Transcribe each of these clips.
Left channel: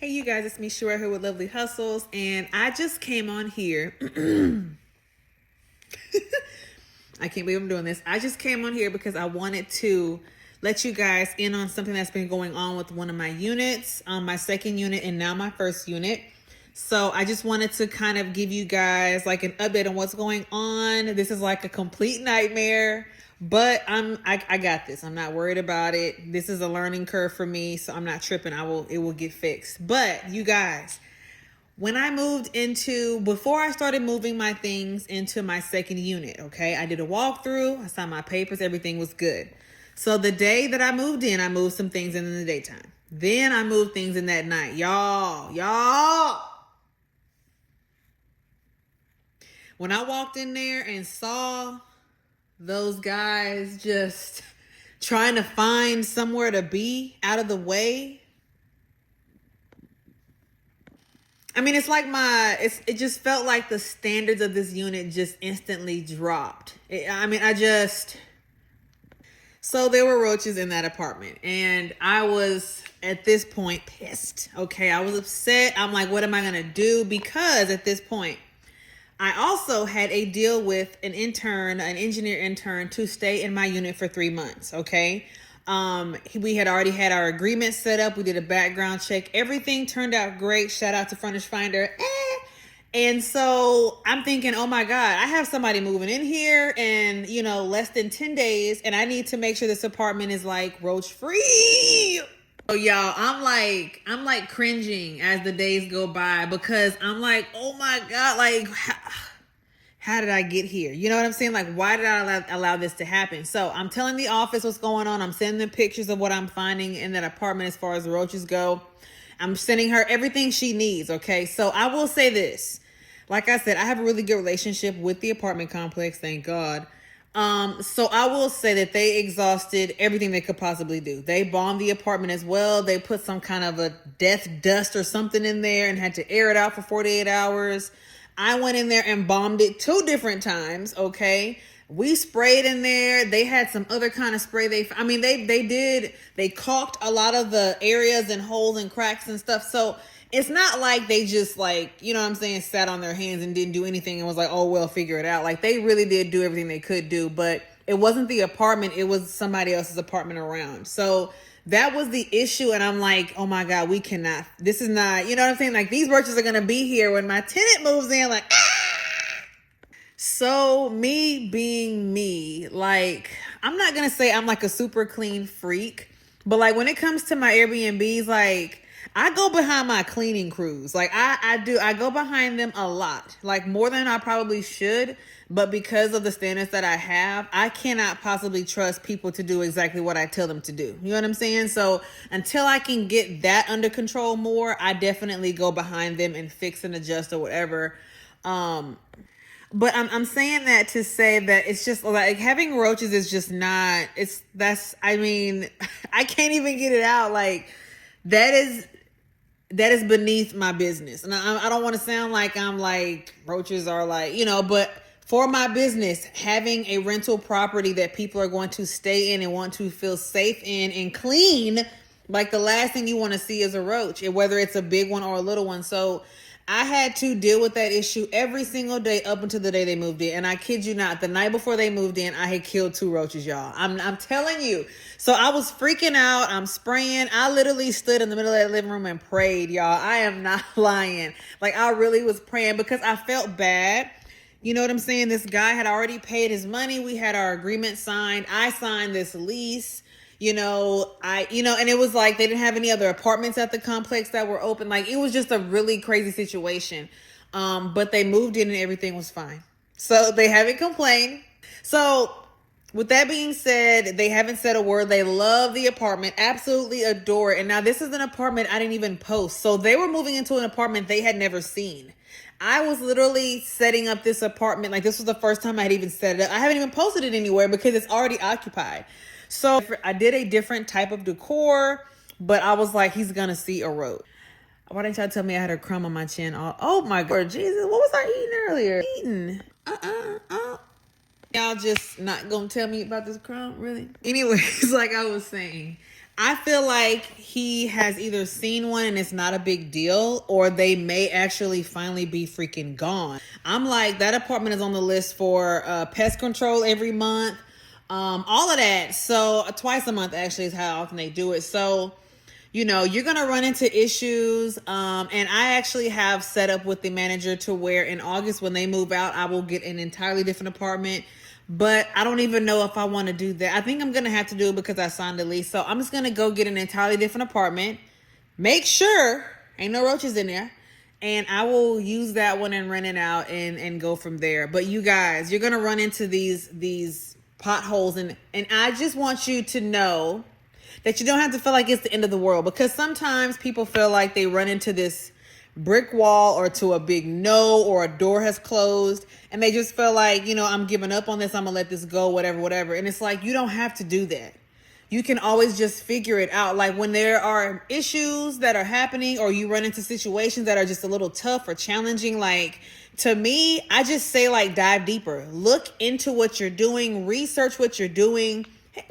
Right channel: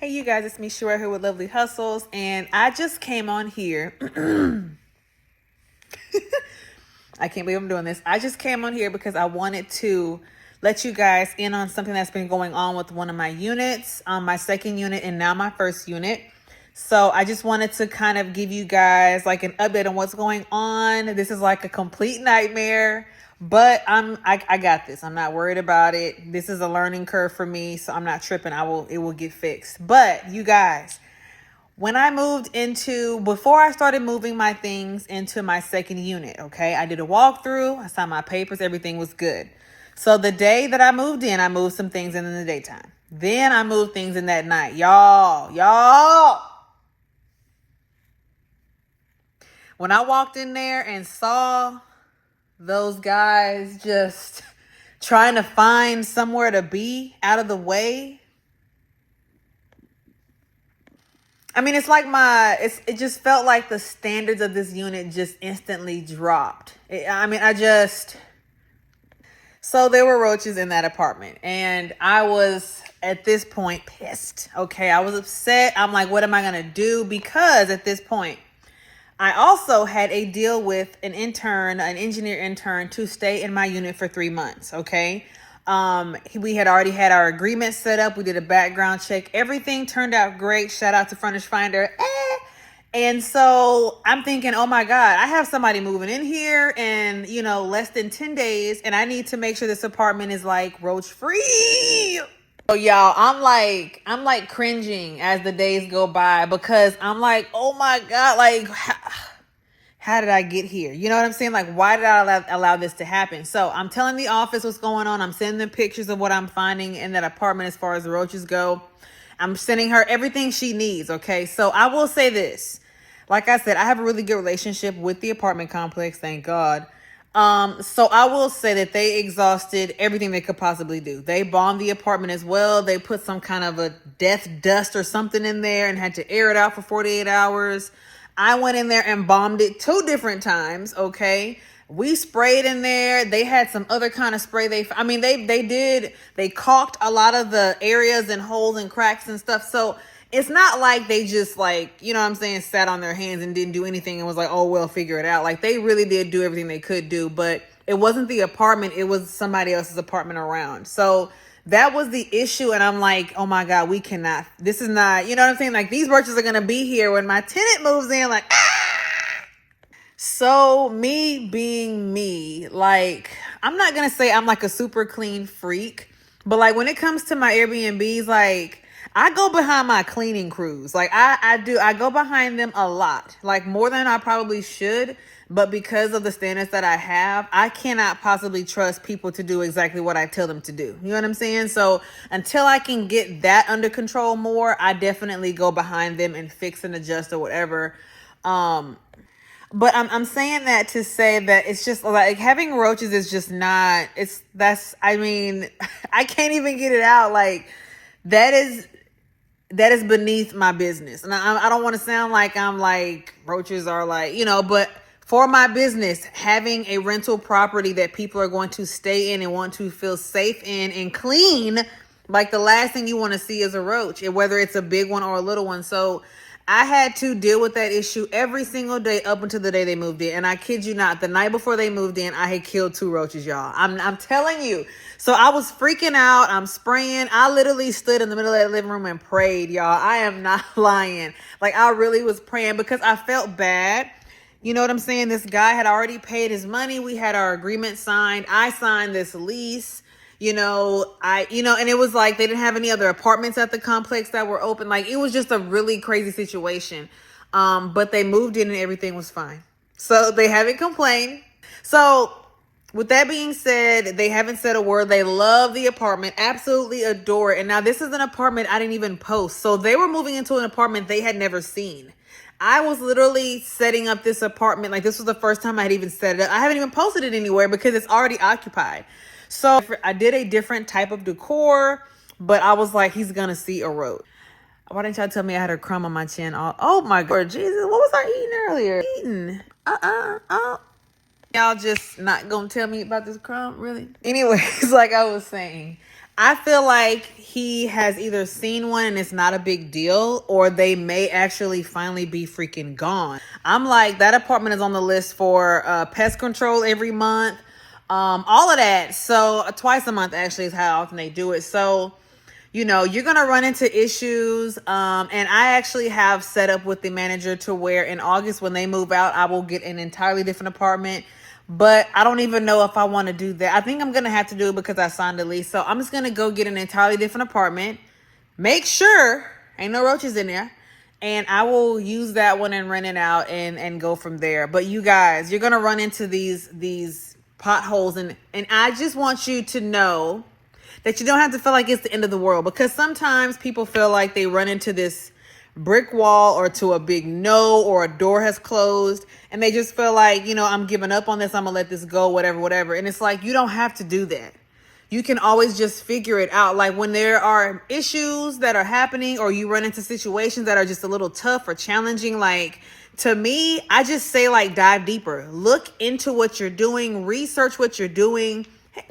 Hey you guys, it's me Shura here with LoveLee Hustles, and I just came on here. I can't believe I'm doing this. I just came on here because I wanted to let you guys in on something that's been going on with one of my units, my second unit and now my first unit. So I just wanted to kind of give you guys like an update on what's going on. This is like a complete nightmare, but I got this. I'm not worried about it. This is a learning curve for me, so I'm not tripping. It will get fixed. But you guys, when I moved before I started moving my things into my second unit, okay, I did a walkthrough, I signed my papers, everything was good. So the day that I moved in, I moved some things in the daytime. Then I moved things in that night. Y'all. When I walked in there and saw those guys just trying to find somewhere to be out of the way, I mean, it's like it just felt like the standards of this unit just instantly dropped. So there were roaches in that apartment, and I was at this point pissed. Okay, I was upset. I'm like, what am I gonna do? Because at this point, I also had a deal with an engineer intern to stay in my unit for 3 months. Okay. We had already had our agreement set up. We did a background check. Everything turned out great. Shout out to Furnish Finder. And so I'm thinking, oh my God, I have somebody moving in here in, less than 10 days. And I need to make sure this apartment is like roach free. So y'all, I'm like cringing as the days go by, because I'm like, oh my God, like how did I get here? You know what I'm saying? Like, why did I allow this to happen? So I'm telling the office what's going on. I'm sending them pictures of what I'm finding in that apartment as far as the roaches go. I'm sending her everything she needs. Okay. So I will say this, like I said, I have a really good relationship with the apartment complex. Thank God. So I will say that they exhausted everything they could possibly do. They bombed the apartment as well. They put some kind of a death dust or something in there and had to air it out for 48 hours. I went in there and bombed it 2 different times. Okay. We sprayed in there. They had some other kind of spray. They caulked a lot of the areas and holes and cracks and stuff. So it's not like they just sat on their hands and didn't do anything and was like, oh, well, figure it out. Like, they really did do everything they could do, but it wasn't the apartment. It was somebody else's apartment around. So that was the issue. And I'm like, oh my God, this is not, you know what I'm saying? Like, these roaches are going to be here when my tenant moves in, like, So me being me, like, I'm not going to say I'm like a super clean freak, but like when it comes to my Airbnbs, like, I go behind my cleaning crews. Like I go behind them a lot, like more than I probably should. But because of the standards that I have, I cannot possibly trust people to do exactly what I tell them to do. You know what I'm saying? So until I can get that under control more, I definitely go behind them and fix and adjust or whatever. But I'm saying that to say that it's just like having roaches is just not, I can't even get it out. Like that is beneath my business. And I don't want to sound like I'm like roaches are like, but for my business, having a rental property that people are going to stay in and want to feel safe in and clean, like the last thing you want to see is a roach, and whether it's a big one or a little one. So I had to deal with that issue every single day up until the day they moved in. And I kid you not, the night before they moved in, I had killed 2 roaches, y'all. I'm telling you. So I was freaking out. I'm spraying. I literally stood in the middle of that living room and prayed, y'all. I am not lying. Like, I really was praying because I felt bad. You know what I'm saying? This guy had already paid his money. We had our agreement signed. I signed this lease. And it was like they didn't have any other apartments at the complex that were open. Like, it was just a really crazy situation. But they moved in and everything was fine. So they haven't complained. So with that being said, they haven't said a word. They love the apartment, absolutely adore it. And now this is an apartment I didn't even post. So they were moving into an apartment they had never seen. I was literally setting up this apartment. Like, this was the first time I had even set it up. I haven't even posted it anywhere because it's already occupied. So I did a different type of decor, but I was like, he's going to see a roach. Why didn't y'all tell me I had a crumb on my chin? Oh my God, Jesus. What was I eating earlier? Y'all just not going to tell me about this crumb, really? Anyways, like I was saying, I feel like he has either seen one and it's not a big deal, or they may actually finally be freaking gone. I'm like, that apartment is on the list for pest control every month. All of that. So twice a month actually is how often they do it. So, you know, you're going to run into issues. And I actually have set up with the manager to where in August when they move out, I will get an entirely different apartment. But I don't even know if I want to do that. I think I'm going to have to do it because I signed a lease. So I'm just going to go get an entirely different apartment. Make sure ain't no roaches in there. And I will use that one and rent it out and go from there. But you guys, you're going to run into these potholes. And I just want you to know that you don't have to feel like it's the end of the world. Because sometimes people feel like they run into this brick wall or to a big no, or a door has closed and they just feel like, you know, I'm giving up on this. I'm gonna let this go, whatever. And it's like, you don't have to do that. You can always just figure it out. Like when there are issues that are happening or you run into situations that are just a little tough or challenging, like to me, I just say like dive deeper, look into what you're doing, research what you're doing.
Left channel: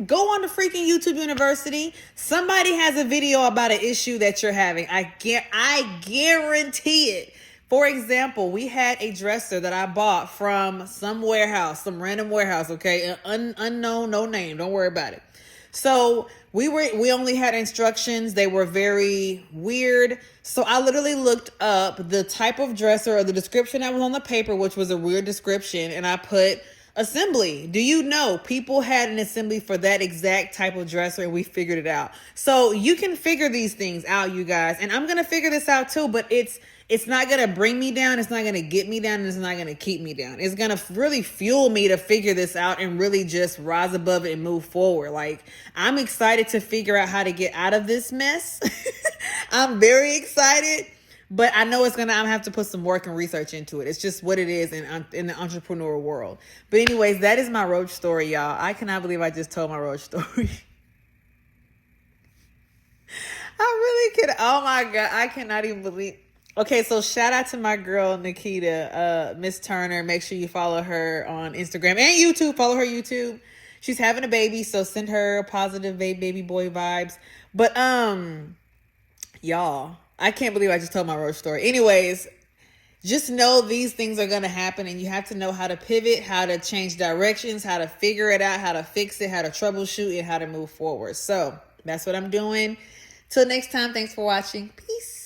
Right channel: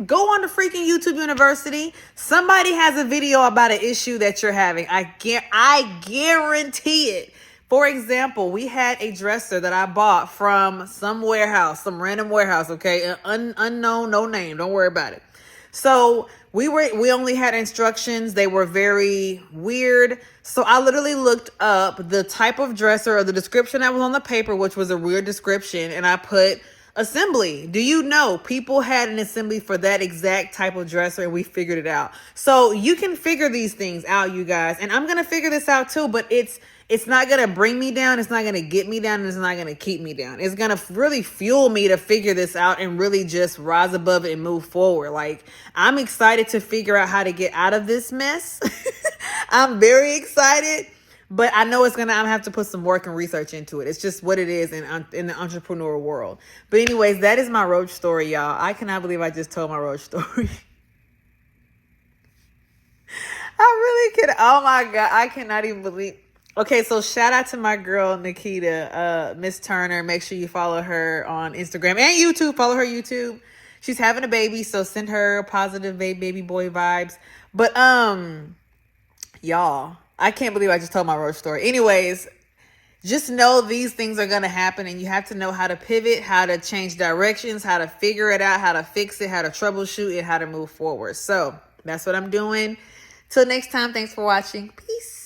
Go on to freaking YouTube University. Somebody has a video about an issue that you're having. I guarantee it. For example, we had a dresser that I bought from some warehouse, some random warehouse, okay? Unknown, no name. Don't worry about it. So we only had instructions. They were very weird. So I literally looked up the type of dresser or the description that was on the paper, which was a weird description, and I put assembly. Do you know people had an assembly for that exact type of dresser and we figured it out? So you can figure these things out, you guys. And I'm going to figure this out too, but it's not going to bring me down. It's not going to get me down. And it's not going to keep me down. It's going to really fuel me to figure this out and really just rise above it and move forward. Like, I'm excited to figure out how to get out of this mess. I'm very excited. But I know I'm going to have to put some work and research into it. It's just what it is in the entrepreneur world. But anyways, that is my roach story, y'all. I cannot believe I just told my roach story. I really can. Oh my God. I cannot even believe. Okay, so shout out to my girl, Nikita, Miss Turner. Make sure you follow her on Instagram and YouTube. Follow her YouTube. She's having a baby, so send her positive baby boy vibes. But, y'all, I can't believe I just told my roach story. Anyways, just know these things are going to happen and you have to know how to pivot, how to change directions, how to figure it out, how to fix it, how to troubleshoot, and how to move forward. So that's what I'm doing. Till next time, thanks for watching. Peace.